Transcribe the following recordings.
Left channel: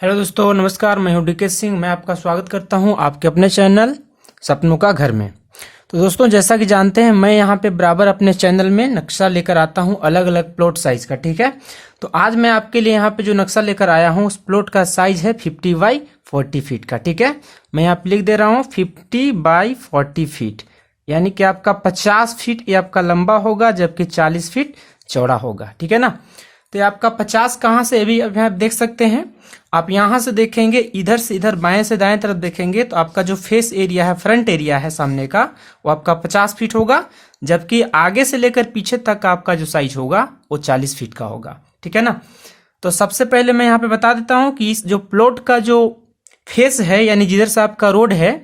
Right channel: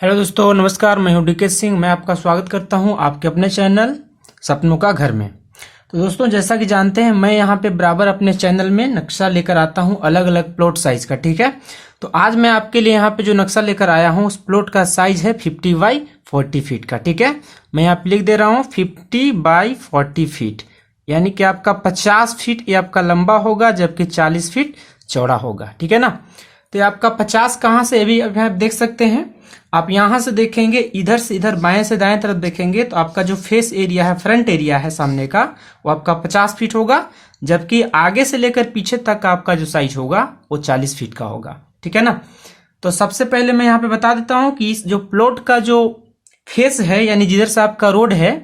Hello दोस्तों, नमस्कार। मैं हूं डीके सिंह। मैं आपका स्वागत करता हूं आपके अपने चैनल सपनों का घर में। तो दोस्तों, जैसा कि जानते हैं, मैं यहां पे बराबर अपने चैनल में नक्शा लेकर आता हूं अलग अलग प्लॉट साइज का। ठीक है, तो आज मैं आपके लिए यहां पे जो नक्शा लेकर आया हूं उस प्लॉट का साइज है 50 बाई 40 फीट का। ठीक है, मैं यहाँ पे लिख दे रहा हूँ 50 बाई 40 फीट, यानी कि आपका 50 फीट ये आपका लंबा होगा, जबकि 40 फीट चौड़ा होगा। ठीक है ना। तो ये आपका 50 कहाँ से अभी आप देख सकते हैं। आप यहां से देखेंगे, इधर से इधर बाएं से दाएं तरफ देखेंगे तो आपका जो फेस एरिया है, फ्रंट एरिया है सामने का, वो आपका 50 फीट होगा, जबकि आगे से लेकर पीछे तक का आपका जो साइज होगा वो 40 फीट का होगा। ठीक है ना। तो सबसे पहले मैं यहाँ पे बता देता हूँ कि इस जो प्लॉट का जो फेस है, यानी जिधर से आपका रोड है,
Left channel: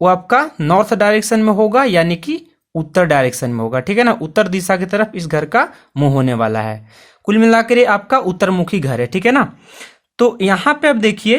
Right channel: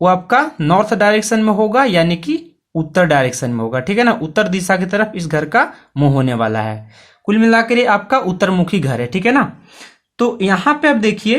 वो आपका नॉर्थ डायरेक्शन में होगा, यानी कि उत्तर डायरेक्शन में होगा। ठीक है ना, उत्तर दिशा की तरफ इस घर का मुंह होने वाला है। कुल मिलाकर ये आपका उत्तरमुखी घर है। ठीक है ना। तो यहाँ पे आप देखिए,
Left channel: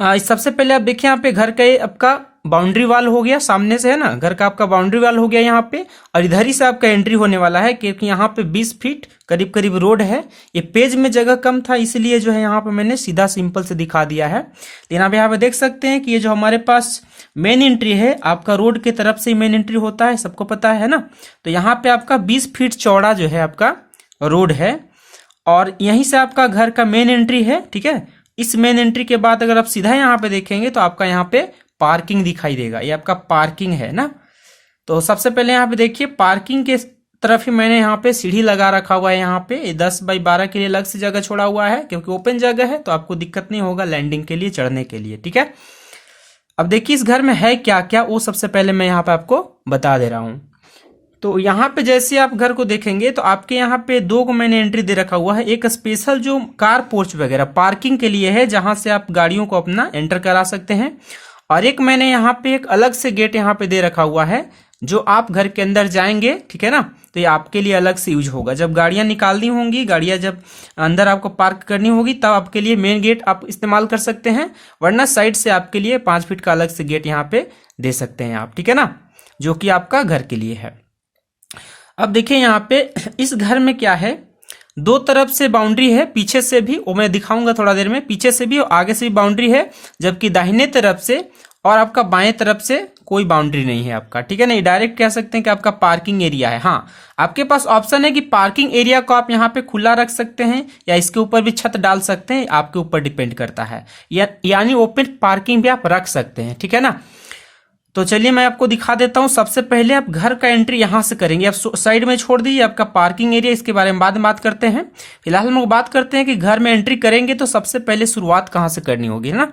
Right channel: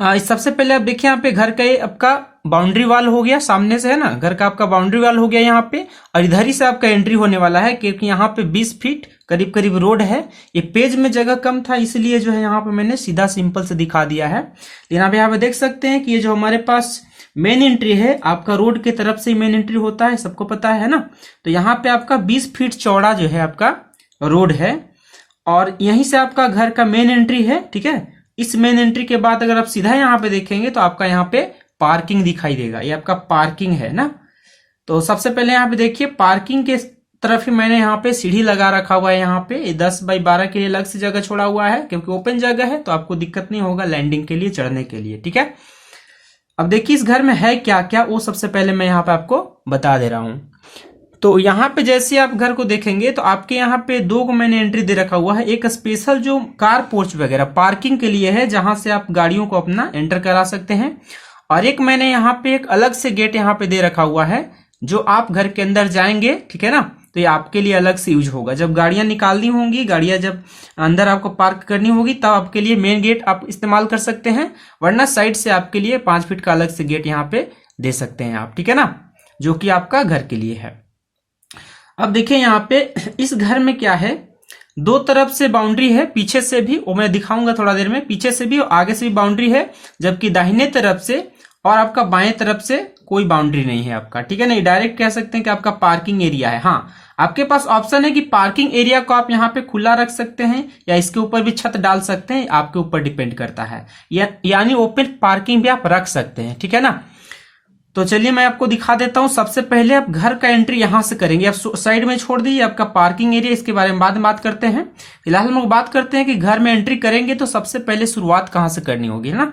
सबसे पहले आप देखिए यहाँ पे घर का ये आपका बाउंड्री वाल हो गया, सामने से है ना, घर का आपका बाउंड्री वाल हो गया यहाँ पे, और इधर ही से आपका एंट्री होने वाला है, क्योंकि यहाँ पे 20 फीट करीब करीब रोड है। ये पेज में जगह कम था, इसलिए जो है यहाँ पे मैंने सीधा सिंपल से दिखा दिया है। लेकिन आप यहाँ पे देख सकते हैं कि ये जो हमारे पास मेन एंट्री है, आपका रोड की तरफ से मेन एंट्री होता है, सबको पता है ना। तो यहाँ पे आपका 20 फीट चौड़ा जो है आपका रोड है, और यहीं से आपका घर का मेन एंट्री है। ठीक है, इस मेन एंट्री के बाद अगर आप सीधा यहाँ पे देखेंगे तो आपका यहाँ पे पार्किंग दिखाई देगा, ये आपका पार्किंग है ना। तो सबसे पहले यहाँ पे देखिए, पार्किंग के तरफ ही मैंने यहाँ पे सीढ़ी लगा रखा हुआ है। यहाँ पे 10 बाई 12 के लिए अलग से जगह छोड़ा हुआ है, क्योंकि ओपन जगह है तो आपको दिक्कत नहीं होगा लैंडिंग के लिए, चढ़ने के लिए। ठीक है, अब देखिए इस घर में है क्या क्या, वो सबसे पहले मैं यहाँ पे आपको बता दे रहा हूँ। तो यहाँ पे जैसे आप घर को देखेंगे तो आपके यहाँ पे दो को मैंने एंट्री दे रखा हुआ है। एक स्पेशल जो कार पोर्च वगैरह पार्किंग के लिए है, जहां से आप गाड़ियों को अपना एंटर करा सकते हैं, और एक मैंने यहाँ पे एक अलग से गेट यहाँ पे दे रखा हुआ है, जो आप घर के अंदर जाएंगे, ठीक है ना, तो ये आपके लिए अलग से यूज होगा। जब गाड़ियां निकालनी होंगी, गाड़ियां जब अंदर आपको पार्क करनी होगी, तब आपके लिए मेन गेट आप इस्तेमाल कर सकते हैं, वरना साइड से आपके लिए 5 फीट का अलग से गेट यहाँ पे दे सकते हैं आप। ठीक है ना, जो कि आपका घर के लिए है। अब देखिए यहाँ पे इस घर में क्या है, दो तरफ से बाउंड्री है, पीछे से भी, वो मैं दिखाऊंगा थोड़ा देर में, पीछे से भी और आगे से भी बाउंड्री है, जबकि दाहिने तरफ से और आपका बाएं तरफ से कोई बाउंड्री नहीं है आपका। ठीक है, नहीं डायरेक्ट कह सकते हैं कि आपका पार्किंग एरिया है। हाँ, आपके पास ऑप्शन है कि पार्किंग एरिया को आप यहाँ पे खुला रख सकते हैं, या इसके ऊपर भी छत डाल सकते हैं, आपके ऊपर डिपेंड करता है, यानी ओपन पार्किंग भी आप रख सकते हैं। ठीक है ना। तो चलिए मैं आपको दिखा देता हूं। सबसे पहले आप घर का एंट्री यहां से करेंगे, आप साइड में छोड़ दीजिए आपका पार्किंग एरिया, इसके बारे में बाद में बात करते हैं। फिलहाल हम लोग बात करते हैं कि घर में एंट्री करेंगे तो सबसे पहले शुरुआत कहां से करनी होगी ना।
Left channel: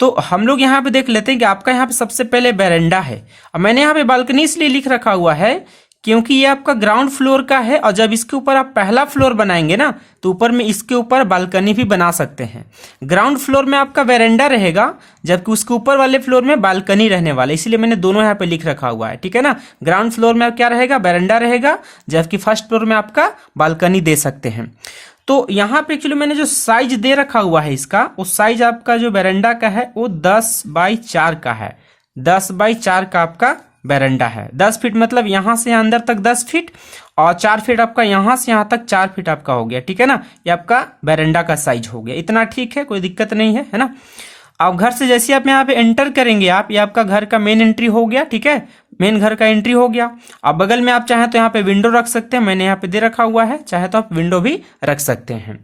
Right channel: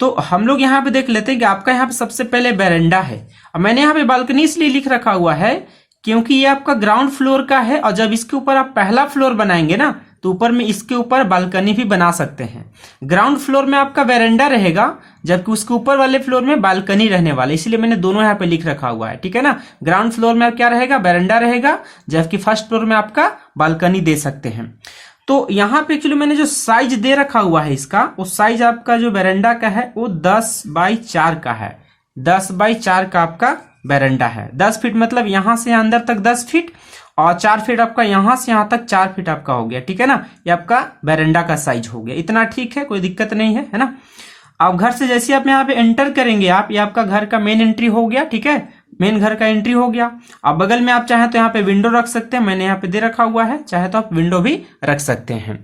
तो हम लोग यहाँ पे देख लेते हैं कि आपका यहाँ पे सबसे पहले बेरेंडा है। अब मैंने यहाँ पे बालकनी इसलिए लिख रखा हुआ है क्योंकि ये आपका ग्राउंड फ्लोर का है, और जब इसके ऊपर आप पहला फ्लोर बनाएंगे ना, तो ऊपर में इसके ऊपर बालकनी भी बना सकते हैं। ग्राउंड फ्लोर में आपका वेरेंडा रहेगा, जबकि उसके ऊपर वाले फ्लोर में बालकनी रहने वाला है, इसलिए मैंने दोनों यहाँ पे लिख रखा हुआ है। ठीक है ना, ग्राउंड फ्लोर में क्या रहेगा, वेरेंडा रहेगा, जबकि फर्स्ट फ्लोर में आपका बालकनी दे सकते हैं। तो यहाँ पे एक्चुअली मैंने जो साइज दे रखा हुआ है इसका, वो साइज आपका जो वेरेंडा का है वो 10 बाई 4 का है। 10 बाई 4 का आपका वेरेंडा है। 10 फीट मतलब यहां से अंदर तक 10 फीट, और 4 फीट आपका यहां से यहां तक 4 फीट आपका हो गया। ठीक है ना, ये आपका वेरेंडा का साइज हो गया। इतना ठीक है, कोई दिक्कत नहीं है ना। अब घर से जैसे आप यहाँ पे एंटर करेंगे आप, ये आपका घर का मेन एंट्री हो गया। ठीक है, मेन घर का एंट्री हो गया। अब बगल में आप चाहे तो यहाँ पे विंडो रख सकते हैं, मैंने यहाँ पे दे रखा हुआ है, चाहे तो आप विंडो भी रख सकते हैं।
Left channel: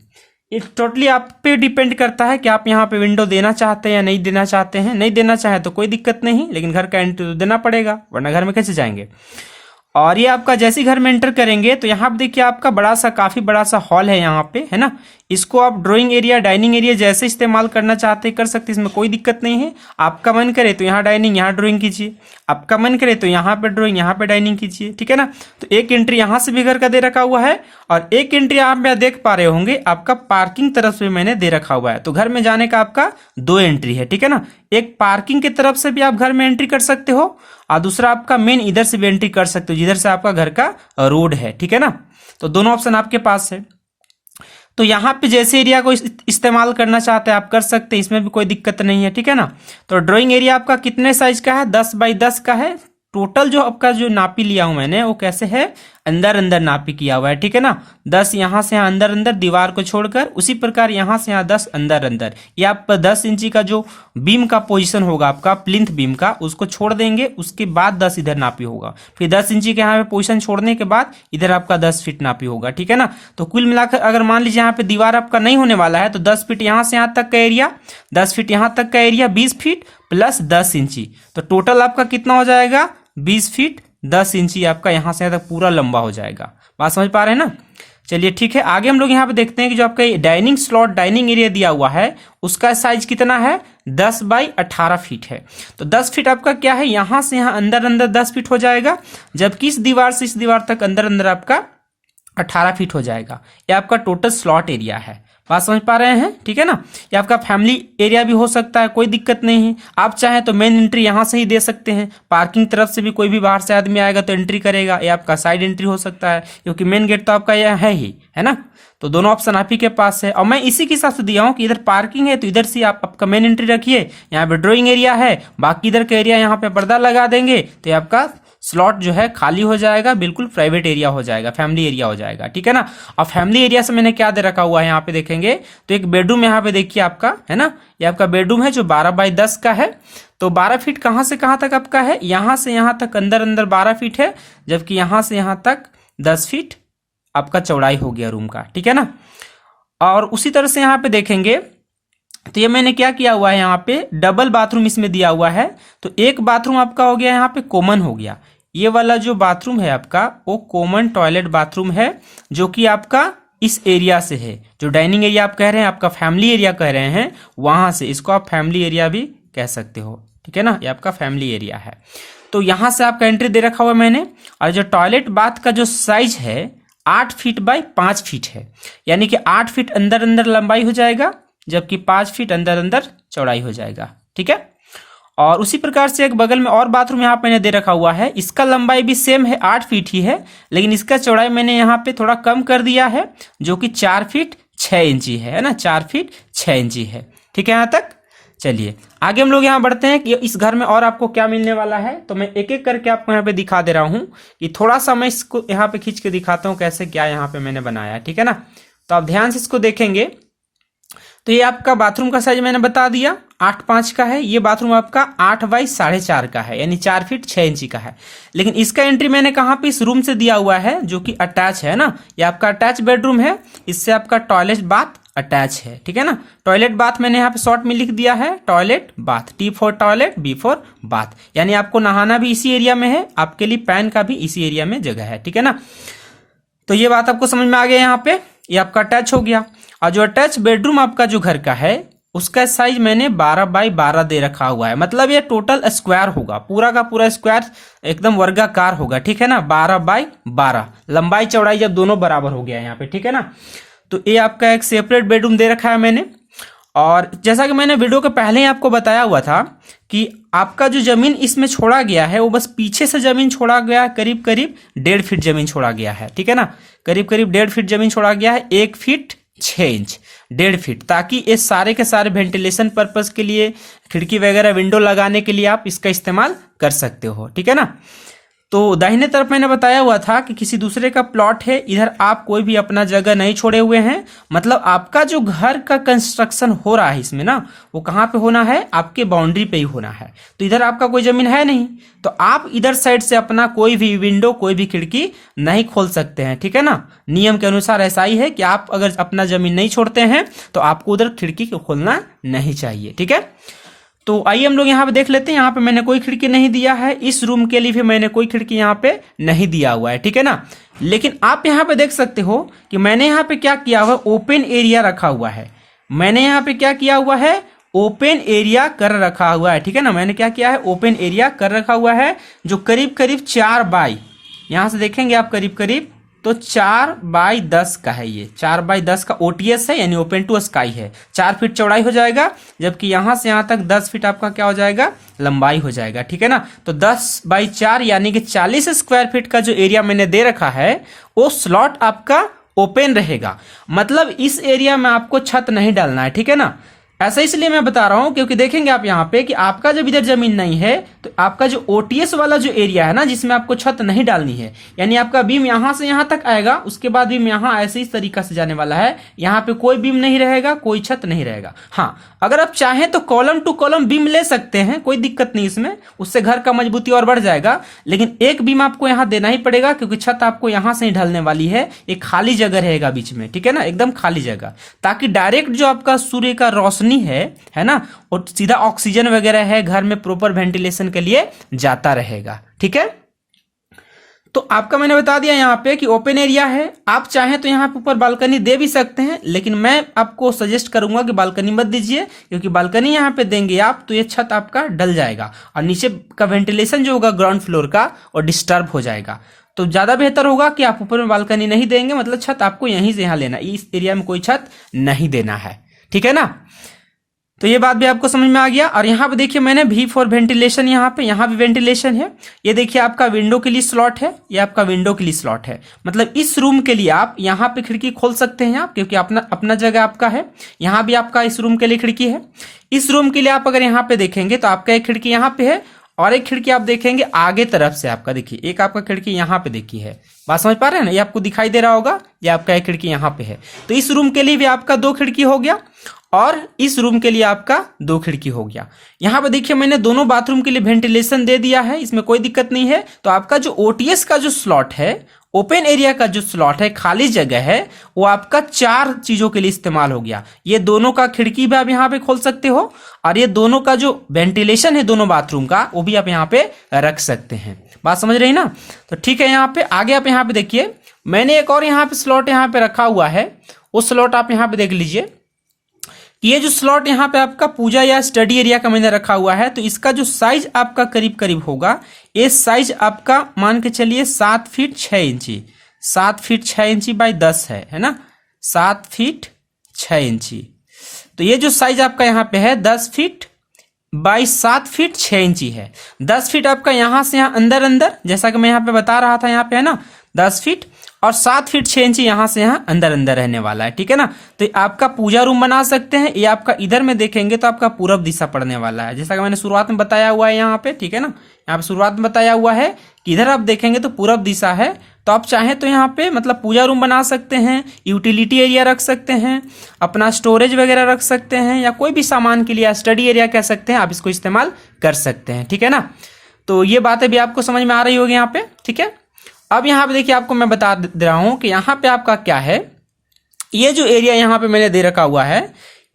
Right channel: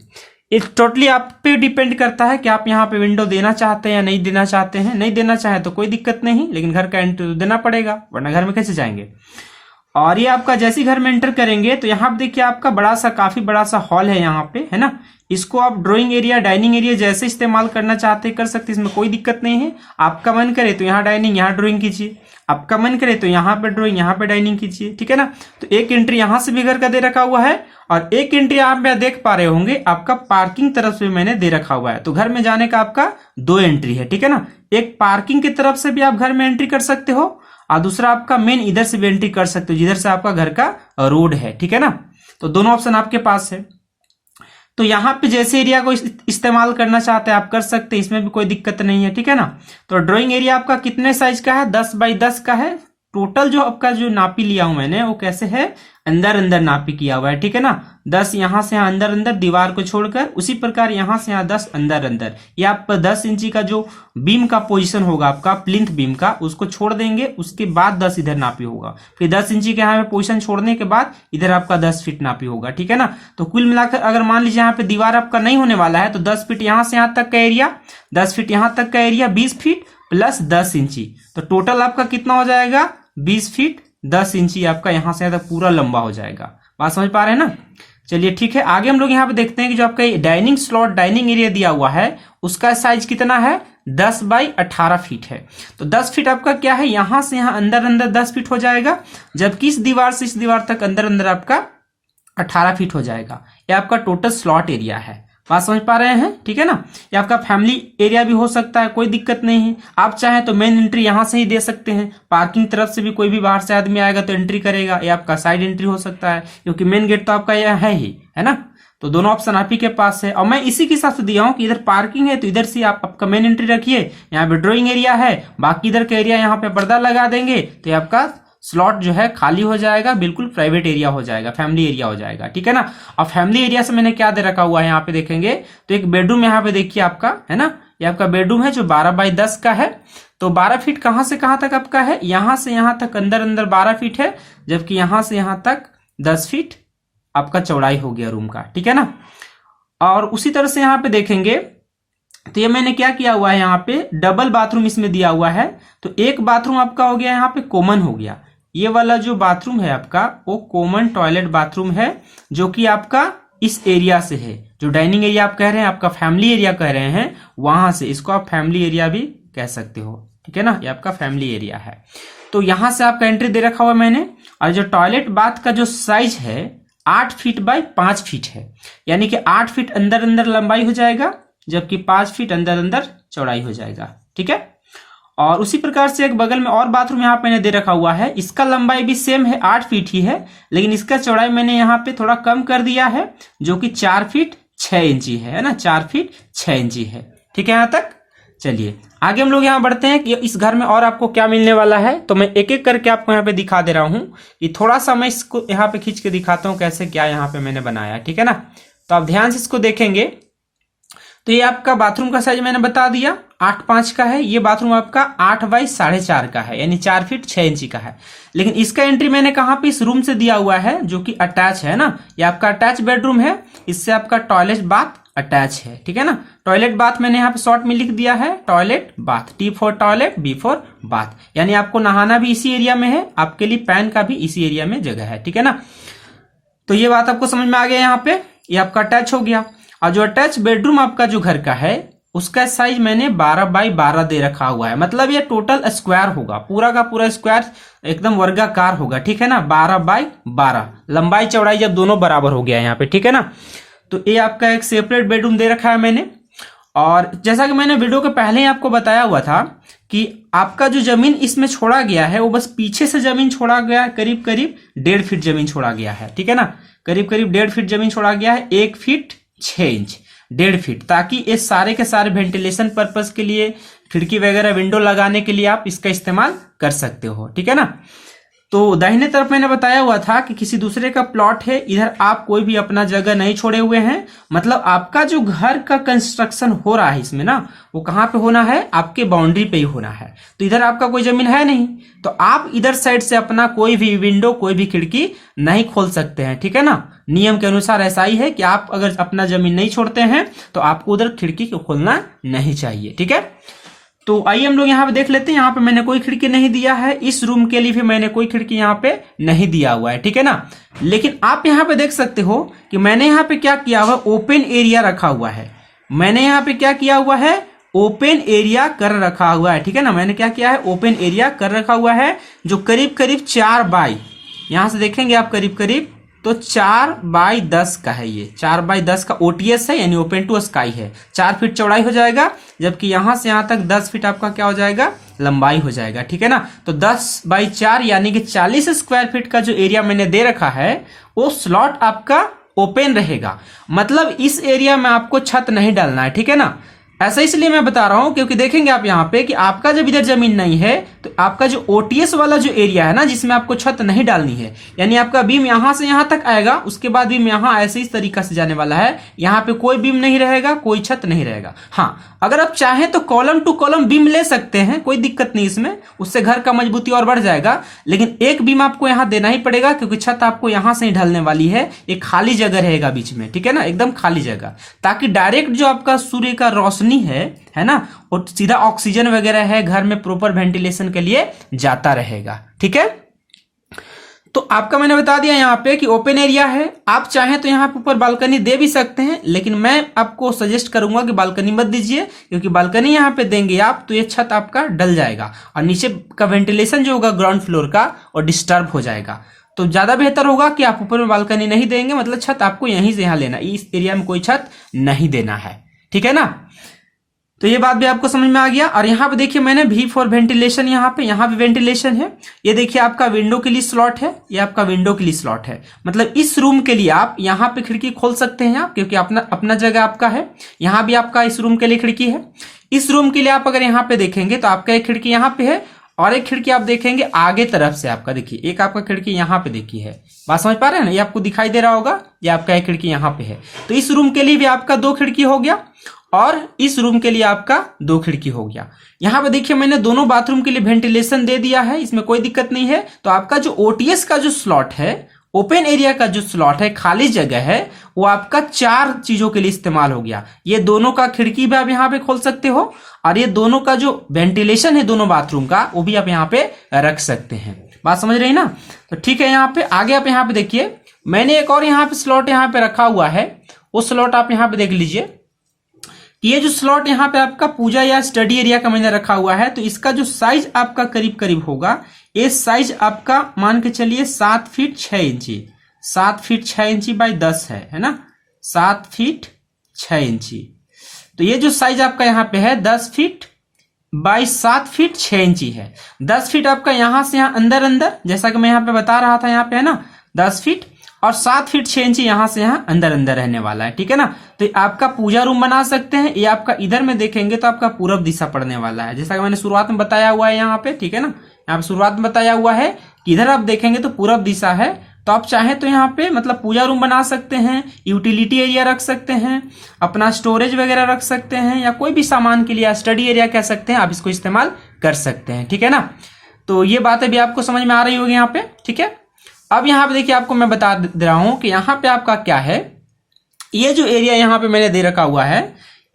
ये टोटली आप पे डिपेंड करता है कि आप यहाँ पे विंडो देना चाहते हैं या नहीं देना चाहते हैं। नहीं देना चाहे तो कोई दिक्कत नहीं, लेकिन घर का एंट्री तो देना पड़ेगा, वरना घर में कैसे जाएंगे। और ये आपका जैसे ही घर में एंटर करेंगे तो यहाँ पे देखिए आपका काफी बड़ा सा हॉल है यहाँ पे, है ना। इसको आप ड्राइंग एरिया, डाइनिंग एरिया जैसे इस्तेमाल करना चाहते हैं कर सकते हैं, इसमें कोई दिक्कत नहीं है। आपका मन करे तो यहाँ डाइनिंग, यहाँ ड्राइंग कीजिए, आपका मन करे तो यहाँ पे ड्राइंग, यहाँ पे डाइनिंग कीजिए। ठीक है ना। तो एक एंट्री यहाँ से भी घर का दे रखा हुआ है, और एक एंट्री आप देख पा रहे होंगे आपका पार्किंग तरफ से मैंने दे रखा हुआ है। तो घर में जाने का आपका 2 एंट्री है। ठीक है ना, एक पार्किंग की तरफ से भी आप घर में एंट्री कर सकते हो, और दूसरा आपका मेन इधर से भी एंट्री कर सकते हो, जिधर से आपका घर का रोड है। ठीक है ना, तो दोनों ऑप्शन आपके पास है। तो यहाँ पे जैसे एरिया को इस्तेमाल करना चाहते हैं आप कर सकते हैं, इसमें भी कोई दिक्कत नहीं है। ठीक है ना। तो ड्राइंग एरिया आपका कितने साइज का है, 10 बाई 10 का है, टोटल जो आपका जो नापी लिया हूं मैंने वो कैसे है, अंदर अंदर नापी किया हुआ है, ठीक है ना। 10 यहां से यहां अंदर अंदर दीवार को छोड़कर, उसी प्रकार यहां से यहां 10 अंदर अंदर। ये आप 10 इंची का जो बीम का पोजीशन होगा आपका प्लिंथ बीम का, उसको छोड़ देंगे, उसके बाद 10 इधर नापी होगा, फिर 10 इंची के यहाँ पे पोजीशन छोड़ने के बाद इधर आपका 10 फीट नापी होगा, ठीक है ना। तो कुल मिलाकर अगर मान लीजिए यहाँ पे दीवार आपका नहीं होने वाला है तो 10 फीट यहां से यहां तक का एरिया, 10 फीट यहां तक का एरिया 20 फीट प्लस 10 इंची, तो टोटल आपका कितना हो जाएगा 20 फीट 10 इंची आपका यहां से यहां तक पूरा लंबा हो जाएगा। बात समझ पा रहे हैं ना। चलिए ठीक है, आगे हम लोग यहाँ पे देखते हैं कि जो आपका डाइनिंग स्लॉट डाइनिंग एरिया दिया हुआ है उसका साइज कितना है, 10 बाई 18 फीट है। तो 10 फीट आपका क्या है, यहां से यहां अंदर अंदर 10 फीट हो जाएगा, जबकि इस दीवार से इस दीवार तक अंदर अंदर आपका 18 फीट हो जाएगा। ये आपका टोटल स्लॉट एरिया है। बात समझ पा रहे हैं, ठीक है ना। ये आपका फैमिली एरिया भी हो सकता है, कोई दिक्कत नहीं है। आप चाहें तो मेन एंट्री यहां से ही दे सकते हैं, पार्किंग तरफ से भी कोई भी बाहर से आदमी आएगा तो एंट्री करेगा। ये आपका साइड एंट्री हो सकता है, क्योंकि मेन गेट तो आपका यह है ही, है ना। तो दोनों ऑप्शन आप ही के पास है, और मैं इसी के हिसाब से दिया हूं कि इधर पार्किंग है तो इधर से आप आपका मेन एंट्री रखिए, यहाँ पे ड्राइंग एरिया है, बाकी इधर का एरिया यहाँ पे पर्दा लगा देंगे तो ये आपका स्लॉट जो है खाली हो जाएगा, बिल्कुल प्राइवेट एरिया हो जाएगा, फैमिली एरिया हो जाएगा, ठीक है ना। और फैमिली एरिया से मैंने क्या दे रखा हुआ है यहाँ पे देखेंगे तो एक बेडरूम यहाँ पे देखिए आपका, है ना। ये आपका बेडरूम है जो 12 बाई 10 का है। तो 12 फीट कहां से कहां तक आपका है, यहां से यहां तक अंदर अंदर 12 फीट है, जबकि यहां से यहां तक 10 फीट आपका चौड़ाई हो गया रूम का, ठीक है ना। और उसी तरह से यहाँ पे देखेंगे तो ये मैंने क्या किया हुआ है, यहाँ पे डबल बाथरूम इसमें दिया हुआ है। तो एक बाथरूम आपका हो गया यहाँ पे कॉमन हो गया, ये वाला जो बाथरूम है आपका वो कॉमन टॉयलेट बाथरूम है, जो कि आपका इस एरिया से है, जो डाइनिंग एरिया आप कह रहे हैं, आपका फैमिली एरिया कह रहे हैं, वहां से इसको आप फैमिली एरिया भी कह सकते हो, ठीक है ना। ये आपका फैमिली एरिया है। तो यहां से आपका एंट्री दे रखा हुआ मैंने, और जो टॉयलेट बाथ का जो साइज है 8 फीट बाई 5 फीट है, यानी कि 8 फीट अंदर अंदर लंबाई हो जाएगा, जबकि 5 फीट अंदर अंदर चौड़ाई हो जाएगा, ठीक है। और उसी प्रकार से एक बगल में और बाथरूम यहाँ पे मैंने दे रखा हुआ है, इसका लंबाई भी सेम है 8 फीट ही है, लेकिन इसका चौड़ाई मैंने यहाँ पे थोड़ा कम कर दिया है, जो कि 4 फीट 6 इंची है ना, 4 फीट 6 इंची है, ठीक है यहाँ तक। चलिए आगे हम लोग यहाँ बढ़ते हैं कि इस घर में और आपको क्या मिलने वाला है। तो मैं एक एक करके आपको यहाँ पे दिखा दे रहा हूँ कि थोड़ा सा मैं इसको यहाँ पे खींच के दिखाता हूँ कैसे क्या यहाँ पे मैंने बनाया, ठीक है ना। तो आप ध्यान से इसको देखेंगे तो ये आपका बाथरूम का साइज मैंने बता दिया 8.5 का है, ये बाथरूम आपका 8 बाई 4.5 का है, यानी 4 फीट 6 इंची का है। लेकिन इसका एंट्री मैंने कहाँ पे, इस रूम से दिया हुआ है, जो कि अटैच है ना। ये आपका अटैच बेडरूम है, इससे आपका टॉयलेट बाथ अटैच है, ठीक है ना। टॉयलेट बाथ मैंने यहाँ पे शॉर्ट में लिख दिया है toilet bath, T for toilet, B for bath, यानी आपको नहाना भी इसी एरिया में है, आपके लिए पैन का भी इसी एरिया में जगह है, ठीक है ना। तो ये बात आपको समझ में आ गया यहाँ पे, ये आपका अटैच हो गया। और जो अटैच बेडरूम आपका जो घर का है उसका साइज मैंने 12 बाई 12 दे रखा हुआ है, मतलब ये टोटल स्क्वायर होगा, पूरा का पूरा स्क्वायर एकदम वर्गाकार होगा, ठीक है ना। 12 बाई 12 लंबाई चौड़ाई जब दोनों बराबर हो गया यहाँ पे, ठीक है ना। तो ये आपका एक सेपरेट बेडरूम दे रखा है मैंने। और जैसा कि मैंने वीडियो के पहले ही आपको बताया हुआ था कि आपका जो जमीन इसमें छोड़ा गया है वो बस पीछे से जमीन छोड़ा गया है, करीब करीब 1.5 फीट जमीन छोड़ा गया है, ठीक है ना। करीब करीब 1.5 फीट जमीन छोड़ा गया है, 1 फीट 6 इंच, 1.5 फीट, ताकि ये सारे के सारे वेंटिलेशन पर्पस के लिए, खिड़की वगैरह विंडो लगाने के लिए आप इसका इस्तेमाल कर सकते हो, ठीक है ना। तो दाहिने तरफ मैंने बताया हुआ था कि किसी दूसरे का प्लॉट है, इधर आप कोई भी अपना जगह नहीं छोड़े हुए हैं, मतलब आपका जो घर का कंस्ट्रक्शन हो रहा है इसमें ना, वो कहाँ पे होना है, आपके बाउंड्री पे ही होना है। तो इधर आपका कोई जमीन है नहीं, तो आप इधर साइड से अपना कोई भी विंडो कोई भी खिड़की नहीं खोल सकते हैं, ठीक है ना। नियम के अनुसार ऐसा ही है कि आप अगर अपना जमीन नहीं छोड़ते हैं तो आपको उधर खिड़की को खोलना नहीं चाहिए, ठीक है। तो आइए हम लोग यहाँ पे देख लेते हैं, यहाँ पे मैंने कोई खिड़की नहीं दिया है, इस रूम के लिए भी मैंने कोई खिड़की यहाँ पे नहीं दिया हुआ है, ठीक है ना। लेकिन आप यहाँ पे देख सकते हो कि मैंने यहाँ पे क्या किया हुआ, ओपन एरिया रखा हुआ है। मैंने यहाँ पे क्या किया हुआ है, ओपन एरिया कर रखा हुआ है, ठीक है ना। मैंने क्या किया है, ओपन एरिया कर रखा हुआ है, जो करीब करीब 4 बाई, यहां से देखेंगे आप करीब करीब तो 4 बाई 10 का है। ये 4 बाई 10 का OTS है, यानी ओपन टू स्काई है। 4 फीट चौड़ाई हो जाएगा, जबकि यहां से यहां तक 10 फीट आपका क्या हो जाएगा, लंबाई हो जाएगा, ठीक है ना। तो 10 बाई 4 यानी कि 40 स्क्वायर फीट का जो एरिया मैंने दे रखा है वो स्लॉट आपका ओपन रहेगा, मतलब इस एरिया में आपको छत नहीं डालना है, ठीक है ना। ऐसा इसलिए मैं बता रहा हूं क्योंकि देखेंगे आप यहाँ पे कि आपका जब इधर जमीन नहीं है तो आपका जो ओटीएस वाला जो एरिया है ना, जिसमें आपको छत नहीं डालनी है, यानी आपका बीम यहां से यहां तक आएगा, उसके बाद बीम यहां ऐसे इस तरीका से जाने वाला है, यहाँ पे कोई बीम नहीं रहेगा, कोई छत नहीं रहेगा। हाँ, अगर आप चाहें तो कॉलम टू कॉलम बीम ले सकते हैं, कोई दिक्कत नहीं इसमें, उससे घर का मजबूती और बढ़ जाएगा, लेकिन एक बीम आपको यहाँ देना ही पड़ेगा क्योंकि छत आपको यहां से ही ढलने वाली है। एक खाली जगह रहेगा बीच में, ठीक है ना, एकदम खाली जगह, ताकि डायरेक्ट जो आपका सूर्य का रोशनी है ना, और सीधा ऑक्सीजन वगैरह है घर में प्रॉपर वेंटिलेशन के लिए जाता रहेगा। ठीक है, तो आपका मैंने बता दिया यहाँ पे कि ओपन एरिया है। आप चाहें तो यहाँ पे ऊपर बालकनी दे भी सकते हैं, लेकिन मैं आपको सजेस्ट करूंगा कि बालकनी मत दीजिए, क्योंकि बालकनी यहाँ पे देंगे आप तो ये छत आपका डल जाएगा और नीचे का वेंटिलेशन जो होगा ग्राउंड फ्लोर का और डिस्टर्ब हो जाएगा। तो ज्यादा बेहतर होगा कि आप ऊपर में बालकनी नहीं देंगे, मतलब छत आपको यहीं से यहाँ लेना, इस एरिया में कोई छत नहीं देना है। ठीक है ना, तो ये बात भी आपको समझ में आ गया। और यहाँ पे देखिए मैंने V फॉर वेंटिलेशन, यहाँ पे वेंटिलेशन है। ये देखिए आपका विंडो के लिए स्लॉट है, ये आपका विंडो के लिए स्लॉट है, मतलब इस रूम के लिए आप यहाँ पे खिड़की खोल सकते हैं आप, क्योंकि अपना जगह आपका है। यहाँ भी आपका इस रूम के लिए खिड़की है। इस रूम के लिए आप अगर यहाँ पे देखेंगे तो आपका एक खिड़की यहाँ पे है और एक खिड़की आप देखेंगे आगे तरफ से आपका, देखिए एक आपका खिड़की यहाँ पे देखिए है, बात समझ पा रहे हैं ना, ये आपको दिखाई दे रहा होगा, ये आपका एक खिड़की यहाँ पे है। तो इस रूम के लिए भी आपका 2 खिड़की हो गया और इस रूम के लिए आपका 2 खिड़की हो गया। यहाँ पे देखिए मैंने दोनों बाथरूम के लिए वेंटिलेशन दे दिया है, इसमें कोई दिक्कत नहीं है। तो आपका जो ओटीएस का जो स्लॉट है, ओपन एरिया का जो स्लॉट है, खाली जगह है, वो आपका 4 चीजों के लिए इस्तेमाल हो गया। ये दोनों का खिड़की भी आप यहाँ पे खोल सकते हो और ये दोनों का जो वेंटिलेशन है दोनों बाथरूम का, वो भी आप यहाँ पे रख सकते हैं। बात समझ रहे हैं ना, तो ठीक है। यहाँ पे आगे आप यहाँ पे देखिए मैंने एक और यहाँ पे स्लॉट यहाँ पे रखा हुआ है, वो स्लॉट आप यहाँ पे देख लीजिए। ये जो स्लॉट यहाँ पे आपका पूजा या स्टडी एरिया का मैंने रखा हुआ है, तो इसका जो साइज आपका करीब करीब होगा, ये साइज आपका मान के चलिए 7 फीट 6 इंची, 7 फीट 6 इंची बाई 10 है ना, 7 फीट 6 इंची। तो ये जो साइज आपका यहाँ पे है 10 फीट बाई 7 फीट 6 इंची है। 10 फीट आपका यहाँ से यहाँ अंदर, जैसा कि मैं यहाँ पे बता रहा था, यहाँ पे है ना 10 फीट और 7 फीट 6 इंची यहाँ से यहाँ अंदर रहने वाला है। ठीक है ना, तो आपका पूजा रूम बना सकते हैं। ये आपका इधर में देखेंगे तो आपका पूरब दिशा पड़ने वाला है, जैसा कि मैंने शुरुआत में बताया हुआ है यहाँ पे। ठीक है ना, यहाँ पे शुरुआत में बताया हुआ है कि इधर आप देखेंगे तो पूरब दिशा है। तो आप चाहें तो यहाँ पे मतलब पूजा रूम बना सकते हैं, यूटिलिटी एरिया रख सकते हैं, अपना स्टोरेज वगैरह रख सकते हैं, या कोई भी सामान के लिए स्टडी एरिया कह सकते हैं, आप इसको इस्तेमाल कर सकते हैं। ठीक है ना, तो ये बातें भी आपको समझ में आ रही होगी यहाँ पे। ठीक है, अब यहाँ पे देखिए आपको मैं बता दे रहा हूं कि यहाँ पे आपका क्या है, ये जो एरिया यहाँ पे मैंने दे रखा हुआ है,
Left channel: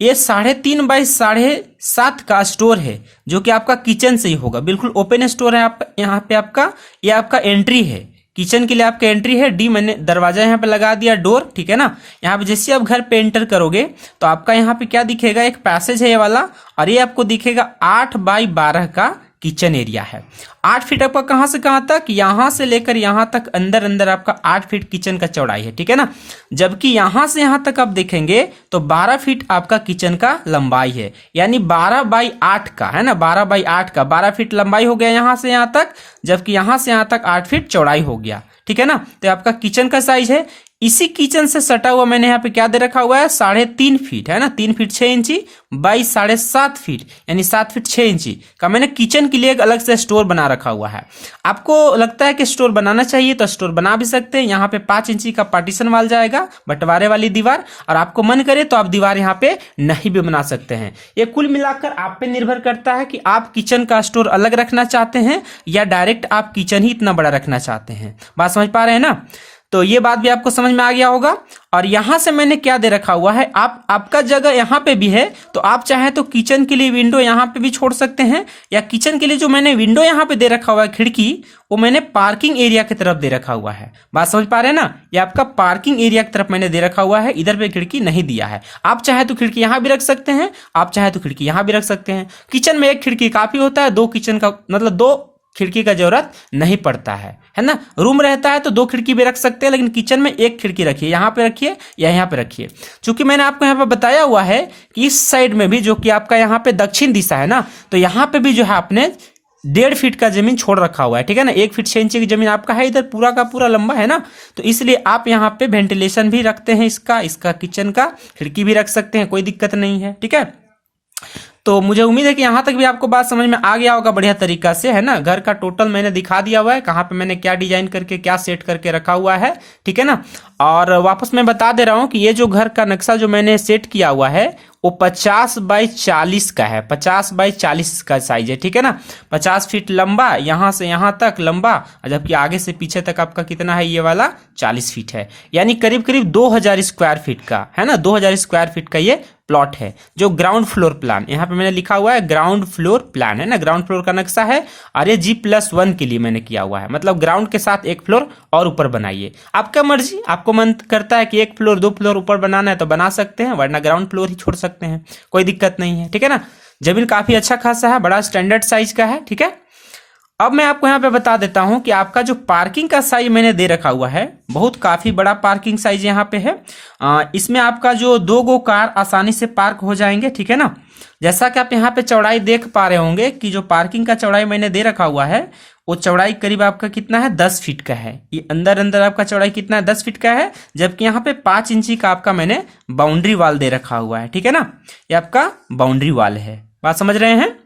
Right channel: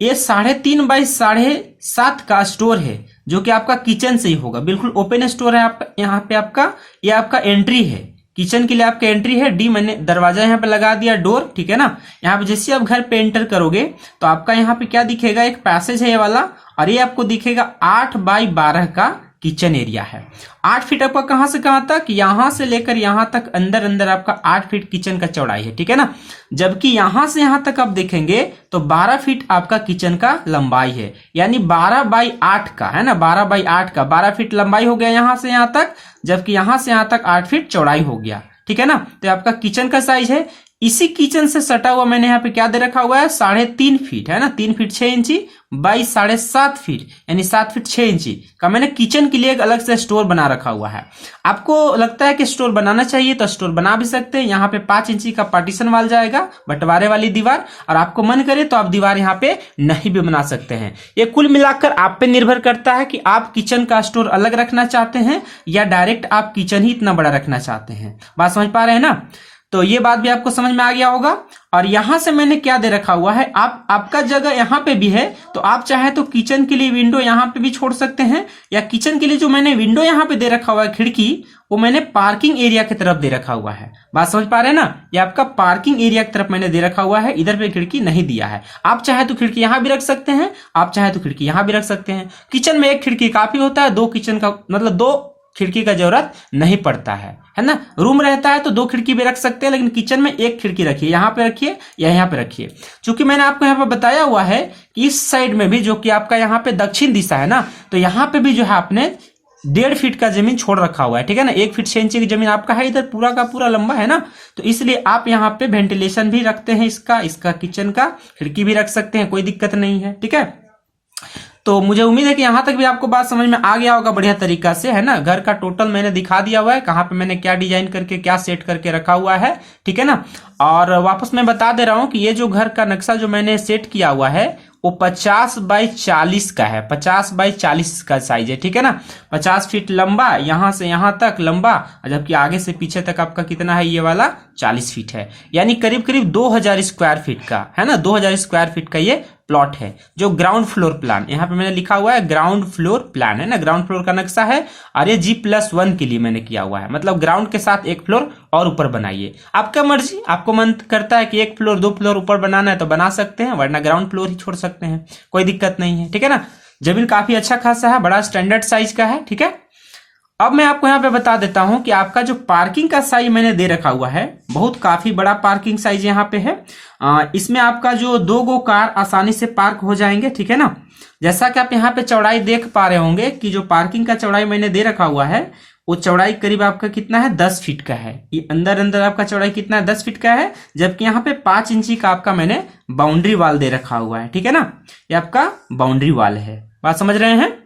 ये 3.5 बाई 7.5 का स्टोर है, जो कि आपका किचन से ही होगा, बिल्कुल ओपन स्टोर है आपका। यहाँ पे आपका ये आपका एंट्री है, किचन के लिए आपका एंट्री है। डी मैंने दरवाजा यहाँ पे लगा दिया, डोर। ठीक है ना, यहाँ पे जैसे आप घर पे एंटर करोगे तो आपका यहाँ पे क्या दिखेगा, एक पैसेज है ये वाला, और ये आपको दिखेगा 8 बाई 12 का किचन एरिया है। 8 फीट आपका कहां से कहां तक, यहां से लेकर यहां तक अंदर आपका 8 फीट किचन का चौड़ाई है। ठीक है ना, जबकि यहां से यहां तक आप देखेंगे तो 12 फीट आपका किचन का लंबाई है, यानी 12 बाई 8 का है ना, 12 बाई 8 का 12 फीट लंबाई हो गया यहां से यहां तक, जबकि यहां से यहां तक 8 फीट चौड़ाई हो गया। ठीक है ना, तो आपका किचन का साइज है। इसी किचन से सटा हुआ मैंने यहाँ पे क्या दे रखा हुआ है, 3.5 फीट है ना, 3 फीट 6 इंची बाई 7.5 फीट, यानी 7 फीट 6 इंची का मैंने किचन के लिए एक अलग से स्टोर बना रखा हुआ है। आपको लगता है कि स्टोर बनाना चाहिए तो स्टोर बना भी सकते हैं। यहाँ पे 5 इंची का पार्टीशन वाल जाएगा, बंटवारे वाली दीवार, और आपको मन करे तो आप दीवार यहाँ पे नहीं भी बना सकते हैं। ये कुल मिलाकर आप पे निर्भर करता है कि आप किचन का स्टोर अलग रखना चाहते हैं या डायरेक्ट आप किचन ही इतना बड़ा रखना चाहते हैं। बात समझ पा रहे हैं ना, तो ये बात भी आपको समझ में आ गया होगा। और यहां से मैंने क्या दे रखा हुआ है, आपका जगह यहां पे भी है, तो आप चाहे तो किचन के लिए विंडो यहां पे भी छोड़ सकते हैं, या किचन के लिए जो मैंने विंडो यहां पे दे रखा हुआ है खिड़की, वो मैंने पार्किंग एरिया की तरफ दे रखा हुआ है। बात समझ पा रहे हैं ना, ये आपका पार्किंग एरिया की तरफ मैंने दे रखा हुआ है, इधर पे खिड़की नहीं दिया है। आप चाहे तो खिड़की यहां भी रख सकते हैं, आप चाहे तो खिड़की यहां भी रख सकते हैं। किचन में एक खिड़की काफी होता है, 2 किचन का मतलब 2 खिड़की का जरूरत नहीं पड़ता है ना। रूम रहता है तो 2 खिड़की भी रख सकते हैं, लेकिन किचन में 1 खिड़की रखिए, यहाँ पे रखिए या यहाँ पे रखिए। चूंकि मैंने आपको यहाँ पे बताया हुआ है कि इस साइड में भी, जो कि आपका यहाँ पे दक्षिण दिशा है ना, तो यहाँ पे भी जो है आपने 1.5 फीट का जमीन छोड़ रखा हुआ है। ठीक है ना, 1 फीट 6 इंची की जमीन आपका है, इधर पूरा का पूरा लंबा है ना, तो इसलिए आप यहाँ पे वेंटिलेशन भी रखते हैं, इसका किचन का खिड़की भी रख सकते हैं, कोई दिक्कत नहीं है। ठीक है, तो मुझे उम्मीद है कि यहाँ तक भी आपको बात समझ में आ गया होगा बढ़िया तरीका से, है ना। घर का टोटल मैंने दिखा दिया हुआ है, कहाँ पे मैंने क्या डिजाइन करके क्या सेट करके रखा हुआ है, ठीक है ना। और वापस मैं बता दे रहा हूँ कि ये जो घर का नक्शा जो मैंने सेट किया हुआ है वो 50 बाई 40 का है, 50 बाई 40 का साइज है, ठीक है ना। 50 फीट लंबा, यहां से यहां तक लंबा, जबकि आगे से पीछे तक आपका कितना है, ये वाला 40 फीट है, यानी करीब करीब 2000 स्क्वायर फीट का, है ना। 2000 स्क्वायर फीट का ये प्लॉट है। जो ग्राउंड फ्लोर प्लान यहाँ पे मैंने लिखा हुआ है, ग्राउंड फ्लोर प्लान, है ना, ग्राउंड फ्लोर का नक्शा है। और ये G+1 के लिए मैंने किया हुआ है, मतलब ग्राउंड के साथ एक फ्लोर और ऊपर बनाइए। आपका मर्जी, आपको मन करता है कि एक फ्लोर 2 फ्लोर ऊपर बनाना है तो बना सकते हैं, वरना ग्राउंड फ्लोर ही छोड़ सकते हैं, कोई दिक्कत नहीं है, ठीक है ना। जमीन काफी अच्छा खासा है, बड़ा स्टैंडर्ड साइज का है, ठीक है। अब मैं आपको यहाँ पे बता देता हूं कि आपका जो पार्किंग का साइज मैंने दे रखा हुआ है, बहुत काफी बड़ा पार्किंग साइज यहाँ पे है। इसमें आपका जो 2 गो कार आसानी से पार्क हो जाएंगे, ठीक है ना। जैसा कि आप यहाँ पे चौड़ाई देख पा रहे होंगे कि जो पार्किंग का चौड़ाई मैंने दे रखा हुआ है वो चौड़ाई करीब आपका कितना है, 10 फीट का है। ये अंदर अंदर आपका चौड़ाई कितना है, 10 फीट का है, जबकि यहाँ पे 5 इंची का आपका मैंने बाउंड्री वाल दे रखा हुआ है, ठीक है ना। ये आपका बाउंड्री वाल है, बात समझ रहे हैं।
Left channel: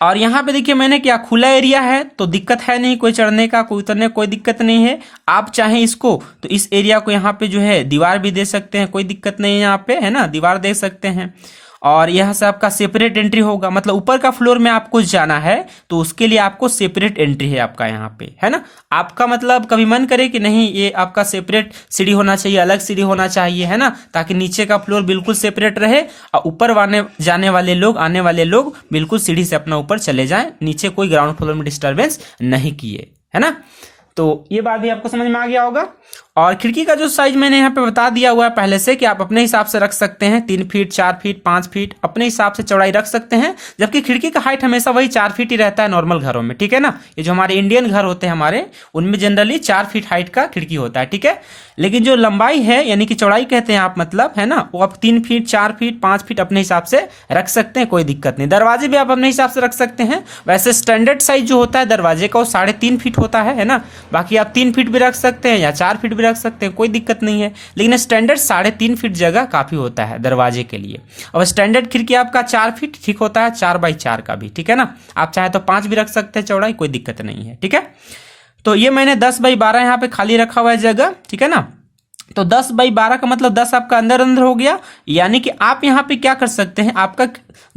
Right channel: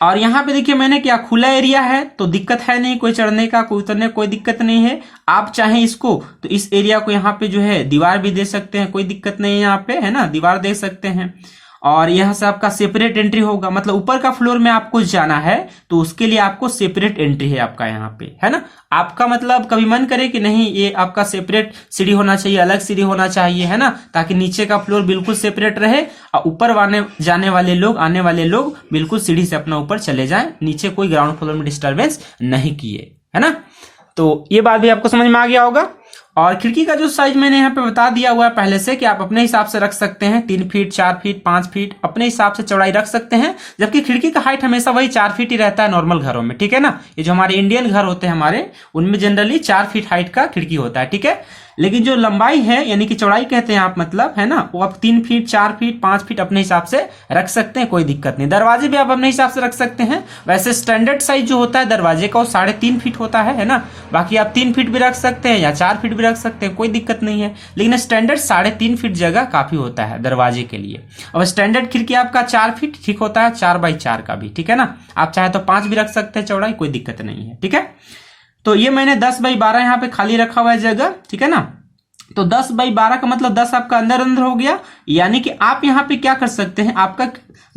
और यहाँ पे देखिए मैंने क्या, खुला एरिया है तो दिक्कत है नहीं, कोई चढ़ने का कोई उतरने कोई दिक्कत नहीं है। आप चाहें इसको तो इस एरिया को यहाँ पे जो है दीवार भी दे सकते हैं, कोई दिक्कत नहीं है यहाँ पे, है ना, दीवार दे सकते हैं। और यहाँ से आपका सेपरेट एंट्री होगा, मतलब ऊपर का फ्लोर में आपको जाना है तो उसके लिए आपको सेपरेट एंट्री है आपका यहाँ पे, है ना। आपका मतलब कभी मन करे कि नहीं ये आपका सेपरेट सीढ़ी होना चाहिए, अलग सीढ़ी होना चाहिए, है ना, ताकि नीचे का फ्लोर बिल्कुल सेपरेट रहे और ऊपर जाने वाले लोग, आने वाले लोग बिल्कुल सीढ़ी से अपना ऊपर चले जाएं, नीचे कोई ग्राउंड फ्लोर में डिस्टर्बेंस नहीं किए, है ना। तो ये बात भी आपको समझ में आ गया होगा। और खिड़की का जो साइज मैंने यहाँ पे बता दिया हुआ है पहले से कि आप अपने हिसाब से रख सकते हैं, 3 फीट 4 फीट 5 फीट अपने हिसाब से चौड़ाई रख सकते हैं, जबकि खिड़की का हाइट हमेशा वही 4 फीट ही रहता है नॉर्मल घरों में, ठीक है ना। ये जो हमारे इंडियन घर होते हैं हमारे, उनमें जनरली 4 फीट हाइट का खिड़की होता है, ठीक है। लेकिन जो लंबाई है यानी कि चौड़ाई कहते हैं आप, मतलब, है ना, वो आप 3 फीट 4 फीट 5 फीट अपने हिसाब से रख सकते हैं, कोई दिक्कत नहीं। दरवाजे भी आप अपने हिसाब से रख सकते हैं। वैसे स्टैंडर्ड साइज जो होता है दरवाजे का वो 3.5 फीट होता है ना। बाकी आप 3 फीट भी रख सकते हैं या 4 फीट भी रख सकते हैं, कोई दिक्कत नहीं है। लेकिन स्टैंडर्ड 3.5 फीट जगह काफी होता है दरवाजे के लिए। अब स्टैंडर्ड खिड़की आपका 4 फीट ठीक होता है, 4 बाई 4 का भी, ठीक है ना। आप चाहे तो 5 भी रख सकते हैं चौड़ाई, कोई दिक्कत नहीं है, ठीक है। तो ये मैंने 10 बाई 12 यहाँ पे खाली रखा हुआ है जगह, ठीक है ना। तो 10 बाई 12 का मतलब 10 आपका अंदर अंदर हो गया, यानी कि आप यहाँ पे क्या कर सकते हैं, आपका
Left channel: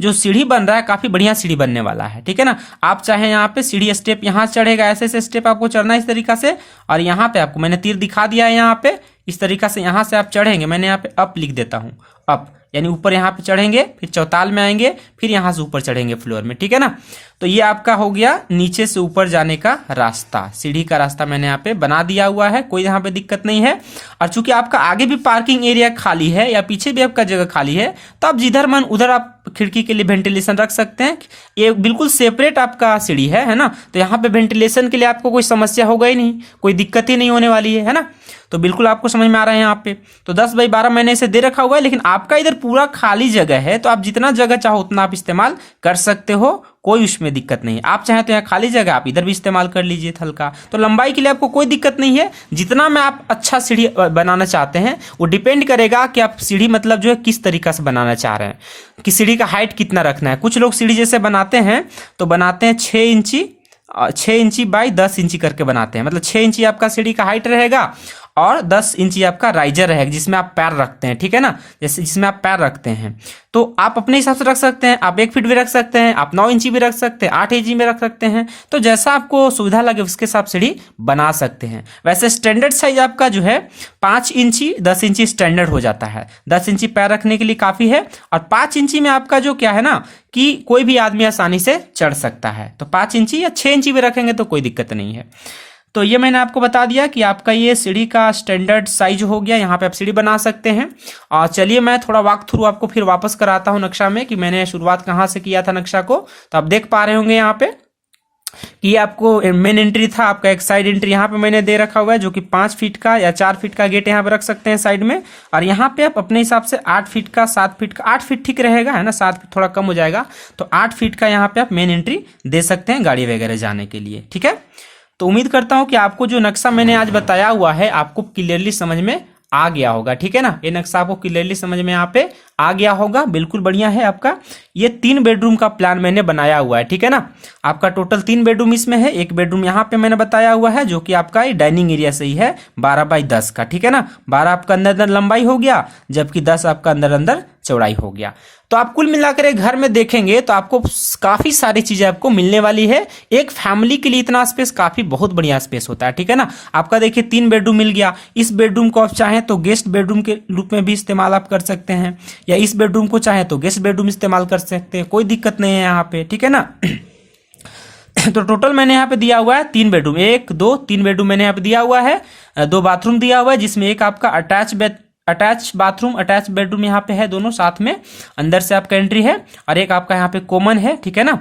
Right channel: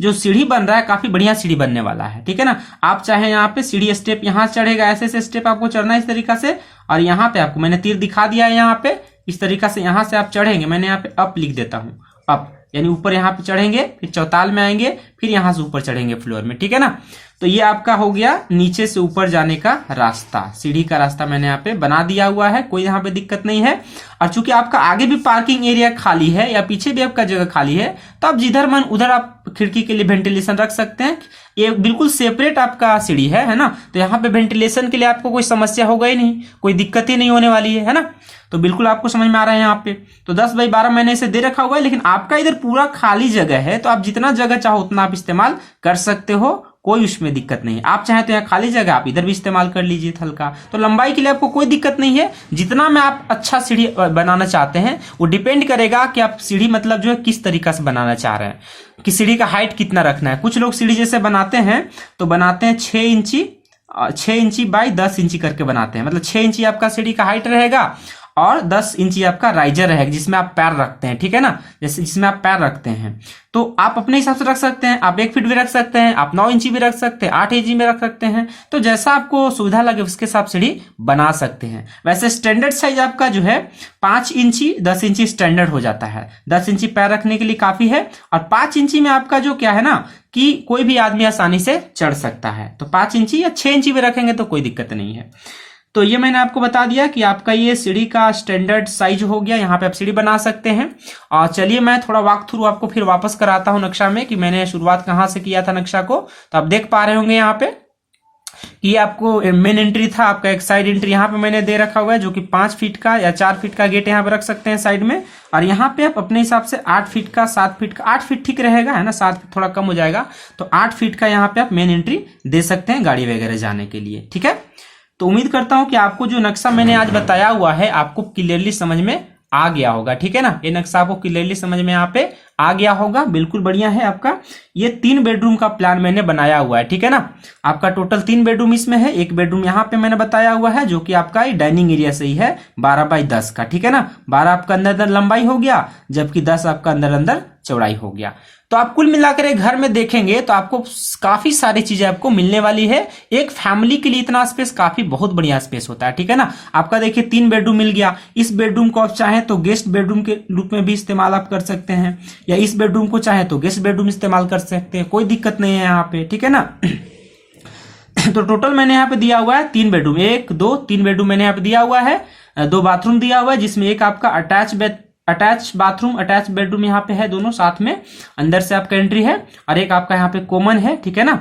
जो सीढ़ी बन रहा है काफी बढ़िया सीढ़ी बनने वाला है, ठीक है ना। आप चाहे यहाँ पे सीढ़ी स्टेप यहाँ चढ़ेगा, ऐसे ऐसे स्टेप आपको चढ़ना है इस तरीका से, और यहाँ पे आपको मैंने तीर दिखा दिया है, यहाँ पे इस तरीका से यहाँ से आप चढ़ेंगे। मैंने यहाँ पे अप लिख देता हूँ, अप यानी ऊपर यहाँ पे चढ़ेंगे, फिर चौताल में आएंगे, फिर यहाँ से ऊपर चढ़ेंगे फ्लोर में, ठीक है ना। तो ये आपका हो गया नीचे से ऊपर जाने का रास्ता, सीढ़ी का रास्ता मैंने यहाँ पे बना दिया हुआ है, कोई यहाँ पे दिक्कत नहीं है। और चूंकि आपका आगे भी पार्किंग एरिया खाली है या पीछे भी आपका जगह खाली है, तो आप जिधर मन उधर आप खिड़की के लिए वेंटिलेशन रख सकते हैं। ये बिल्कुल सेपरेट आपका सीढ़ी है ना, तो यहाँ पे वेंटिलेशन के लिए आपको कोई समस्या होगा ही नहीं, कोई दिक्कत ही नहीं होने वाली है ना। तो बिल्कुल आपको समझ में आ रहा है यहाँ पे। तो 10 बाई 12 मैंने इसे दे रखा हुआ है, लेकिन आपका इधर पूरा खाली जगह है, तो आप जितना जगह चाहो उतना आप इस्तेमाल कर सकते हो, कोई उसमें दिक्कत नहीं। आप चाहे तो यहाँ खाली जगह आप इधर भी इस्तेमाल कर लीजिए थल का। तो लंबाई के लिए आपको कोई दिक्कत नहीं है। जितना में आप अच्छा सीढ़ी बनाना चाहते हैं वो डिपेंड करेगा कि आप सीढ़ी मतलब जो है किस तरीका से बनाना चाह रहे हैं, कि सीढ़ी का हाइट कितना रखना है। कुछ लोग सीढ़ी जैसे बनाते हैं तो बनाते हैं 6 इंची बाई 10 इंची करके बनाते हैं, मतलब 6 इंची आपका सीढ़ी का हाइट रहेगा और 10 इंची आपका राइजर रहेगा जिसमें आप पैर रखते हैं, ठीक है ना, जैसे जिसमें आप पैर रखते हैं। तो आप अपने हिसाब से रख सकते हैं, आप 1 फीट भी रख सकते हैं, आप 9 इंची भी रख सकते हैं, 8 इंची में रख सकते हैं। तो जैसा आपको सुविधा लगे उसके हिसाब से सीढ़ी बना सकते हैं। वैसे स्टैंडर्ड साइज आपका जो है 5 इंची 10 इंची स्टैंडर्ड हो जाता है। 10 इंची पैर रखने के लिए काफी है, और 5 इंची में आपका जो क्या है ना कि कोई भी आदमी आसानी से चढ़ सकता है। तो 5 इंची या 6 इंची भी रखेंगे तो कोई दिक्कत नहीं है। तो ये मैंने आपको बता दिया कि आपका ये सीढ़ी का स्टैंडर्ड साइज हो गया, यहाँ पे आप सीढ़ी बना सकते हैं। और चलिए मैं थोड़ा वॉक थ्रू आपको फिर वापस कराता हूँ नक्शा में, कि मैंने शुरुआत कहाँ से किया था नक्शा को। तो आप देख पा रहे होंगे यहाँ पे कि आपको मेन एंट्री था, आपका एक साइड एंट्री यहाँ पे मैंने दे रखा हुआ है, जो कि 5 फीट का या 4 फीट का गेट यहाँ पे रख सकते हैं साइड में। और यहाँ पे आप अपने हिसाब से 8 फीट का 7 फीट का 8 फीट ठीक रहेगा, है ना, 7 फीट थोड़ा कम हो जाएगा। तो 8 फीट का यहाँ पे आप मेन एंट्री दे सकते हैं गाड़ी वगैरह जाने के लिए, ठीक है। तो उम्मीद करता हूं कि आपको जो नक्शा मैंने आज बताया हुआ है आपको क्लियरली समझ में आ गया होगा। ठीक है ना, ये नक्शा आपको क्लियरली समझ में यहाँ पे आ गया होगा। बिल्कुल बढ़िया है आपका। ये 3 बेडरूम का प्लान मैंने बनाया हुआ है। ठीक है ना, आपका टोटल 3 बेडरूम इसमें है। एक बेडरूम यहाँ पे मैंने बताया हुआ है जो कि आपका डाइनिंग एरिया से ही है 12 बाई 10 का। ठीक है ना, 12 आपका अंदर अंदर लंबाई हो गया, जबकि 10 आपका अंदर अंदर चौड़ाई हो गया। तो आप कुल मिलाकर एक घर में देखेंगे तो आपको काफी सारी चीजें आपको मिलने वाली है। एक फैमिली के लिए इतना स्पेस काफी बहुत बढ़िया स्पेस होता है। ठीक है ना, आपका देखिए 3 बेडरूम मिल गया। इस बेडरूम को आप चाहें तो गेस्ट बेडरूम के रूप में भी इस्तेमाल आप कर सकते हैं, या इस बेडरूम को चाहें तो गेस्ट बेडरूम इस्तेमाल कर सकते हैं, कोई दिक्कत नहीं है यहाँ पे। ठीक है ना। तो टोटल मैंने यहाँ पे दिया हुआ है 3 बेडरूम, 1 2 3 बेडरूम मैंने यहाँ पे दिया हुआ है। 2 बाथरूम दिया हुआ है, जिसमें एक आपका अटैच बाथरूम अटैच बेडरूम यहाँ पे है, दोनों साथ में अंदर से आपका एंट्री है, और एक आपका यहाँ पे कॉमन है। ठीक है ना,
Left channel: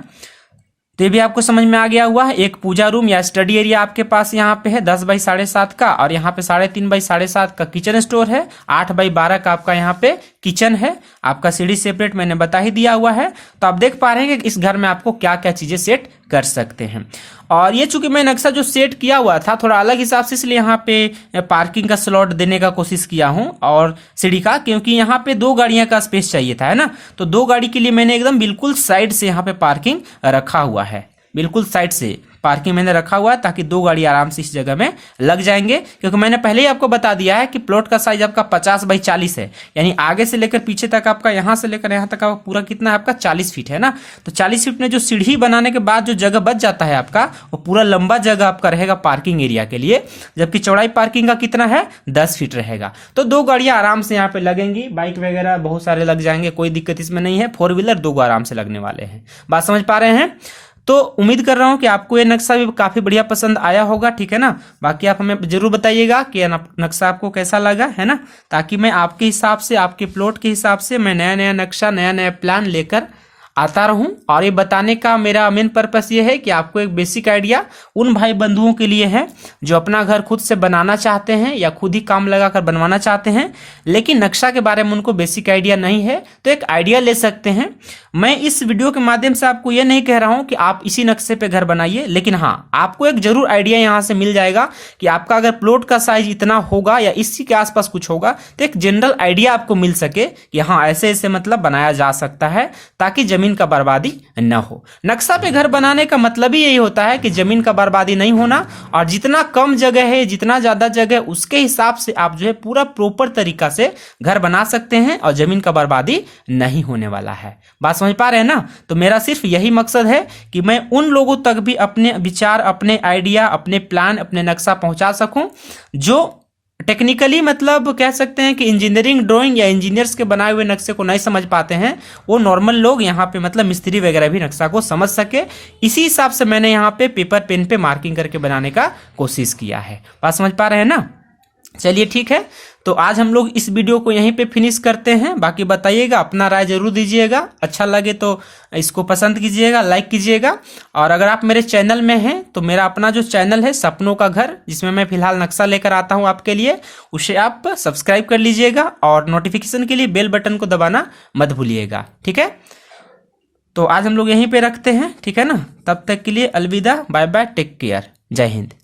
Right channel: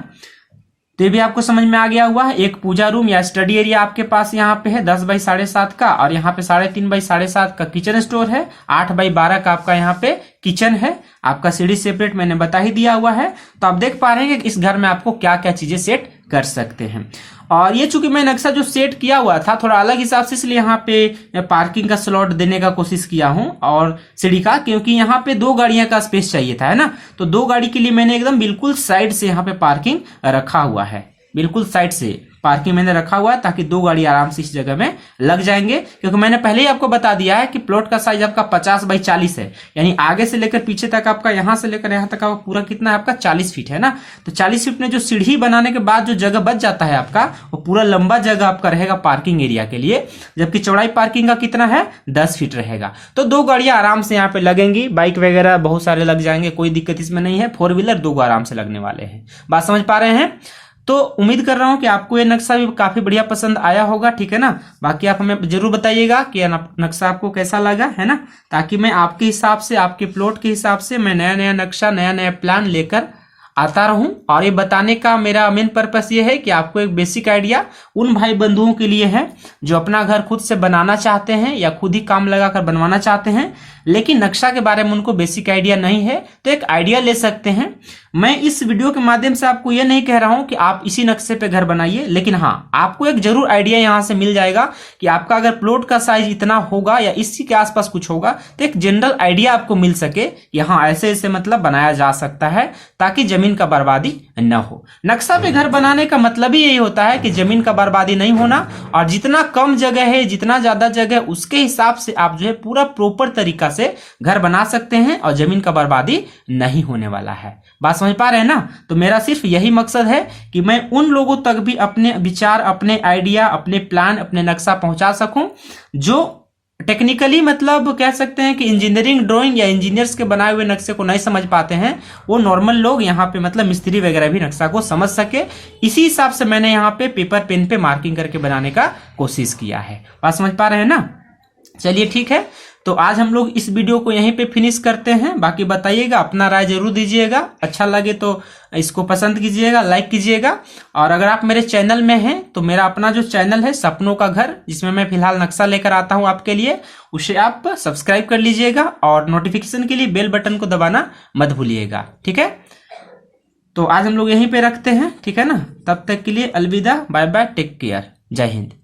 तो ये भी आपको समझ में आ गया हुआ है। एक पूजा रूम या स्टडी एरिया आपके पास यहाँ पे है 10 बाई 7.5 का, और यहाँ पे 3.5 बाई 7.5 का किचन स्टोर है। 8 बाई 12 का आपका यहाँ पे किचन है। आपका सीढ़ी सेपरेट मैंने बता ही दिया हुआ है। तो आप देख पा रहे हैं कि इस घर में आपको क्या क्या चीजें सेट कर सकते हैं। और ये चूंकि मैं नक्शा जो सेट किया हुआ था थोड़ा अलग हिसाब से, इसलिए यहाँ पे पार्किंग का स्लॉट देने का कोशिश किया हूं, और सीढ़ी का, क्योंकि यहाँ पे 2 गाड़ियां का स्पेस चाहिए था, है ना। तो 2 गाड़ी के लिए मैंने एकदम बिल्कुल साइड से यहाँ पे पार्किंग रखा हुआ है। बिल्कुल साइड से पार्किंग मैंने रखा हुआ है ताकि 2 गाड़ी आराम से इस जगह में लग जाएंगे। क्योंकि मैंने पहले ही आपको बता दिया है कि प्लॉट का साइज आपका 50 बाई 40 है, यानी आगे से लेकर पीछे तक आपका, यहां से लेकर यहां तक पूरा कितना है आपका 40 फीट है ना। तो 40 फीट में जो सीढ़ी बनाने के बाद जो जगह बच जाता है आपका, वो पूरा लंबा जगह आपका रहेगा पार्किंग एरिया के लिए। जबकि चौड़ाई पार्किंग का कितना है 10 फीट रहेगा। तो 2 गाड़ियां आराम से यहाँ पे लगेंगी, बाइक वगैरह बहुत सारे लग जाएंगे, कोई दिक्कत इसमें नहीं है। 4 व्हीलर 2 आराम से लगने वाले हैं। बात समझ पा रहे हैं। तो उम्मीद कर रहा हूं कि आपको ये नक्शा भी काफी बढ़िया पसंद आया होगा। ठीक है ना, बाकी आप हमें जरूर बताइएगा कि यह नक्शा आपको कैसा लगा, है ना, ताकि मैं आपके हिसाब से, आपके प्लॉट के हिसाब से मैं नया नया नक्शा, नया नया प्लान लेकर आता रहूं। और ये बताने का मेरा मेन पर्पस ये है कि आपको एक बेसिक आइडिया उन भाई बंधुओं के लिए है जो अपना घर खुद से बनाना चाहते हैं या खुद ही काम लगाकर बनवाना चाहते हैं, लेकिन नक्शा के बारे में उनको बेसिक आइडिया नहीं है, तो एक आइडिया ले सकते हैं। मैं इस वीडियो के माध्यम से आपको ये नहीं कह रहा हूं कि आप इसी नक्शे पे घर बनाइए, लेकिन हाँ, आपको एक जरूर आइडिया यहां से मिल जाएगा कि आपका अगर प्लॉट का साइज इतना होगा या इसी के आसपास कुछ होगा, तो एक जनरल आइडिया आपको मिल सके कि हाँ ऐसे ऐसे मतलब बनाया जा सकता है, ताकि जमीन का बर्बादी न हो। नक्शा पे घर बनाने का मतलब ही यही होता है कि जमीन का बर्बादी नहीं होना, और जितना कम जगह है, जितना ज्यादा जगह, उसके हिसाब से आप जो है पूरा प्रॉपर तरीका से घर बना सकते हैं, और जमीन का बर्बादी नहीं होने वाला है। बात समझ पा रहे हैं ना। तो मेरा सिर्फ यही मकसद है कि मैं उन लोगों तक भी अपने विचार, अपने आइडिया, अपने प्लान, अपने नक्शा पहुंचा सकूं जो टेक्निकली मतलब कह सकते हैं कि इंजीनियरिंग ड्राइंग या इंजीनियर्स के बनाए हुए नक्शे को नहीं समझ पाते हैं, वो नॉर्मल लोग यहाँ पे मतलब मिस्त्री वगैरह भी नक्शा को समझ सके। इसी हिसाब से मैंने यहाँ पे पेपर पेन पे मार्किंग करके बनाने का कोशिश किया है। बात समझ पा रहे हैं ना। चलिए ठीक है, तो आज हम लोग इस वीडियो को यहीं पे फिनिश करते हैं। बाकी बताइएगा, अपना राय जरूर दीजिएगा, अच्छा लगे तो इसको पसंद कीजिएगा, लाइक कीजिएगा। और अगर आप मेरे चैनल में हैं तो मेरा अपना जो चैनल है सपनों का घर, जिसमें मैं फिलहाल नक्शा लेकर आता हूं आपके लिए, उसे आप सब्सक्राइब कर लीजिएगा, और नोटिफिकेशन के लिए बेल बटन को दबाना मत भूलिएगा। ठीक है, तो आज हम लोग यहीं पे रखते हैं। ठीक है ना, तब तक के लिए अलविदा, बाय बाय, टेक केयर, जय हिंद।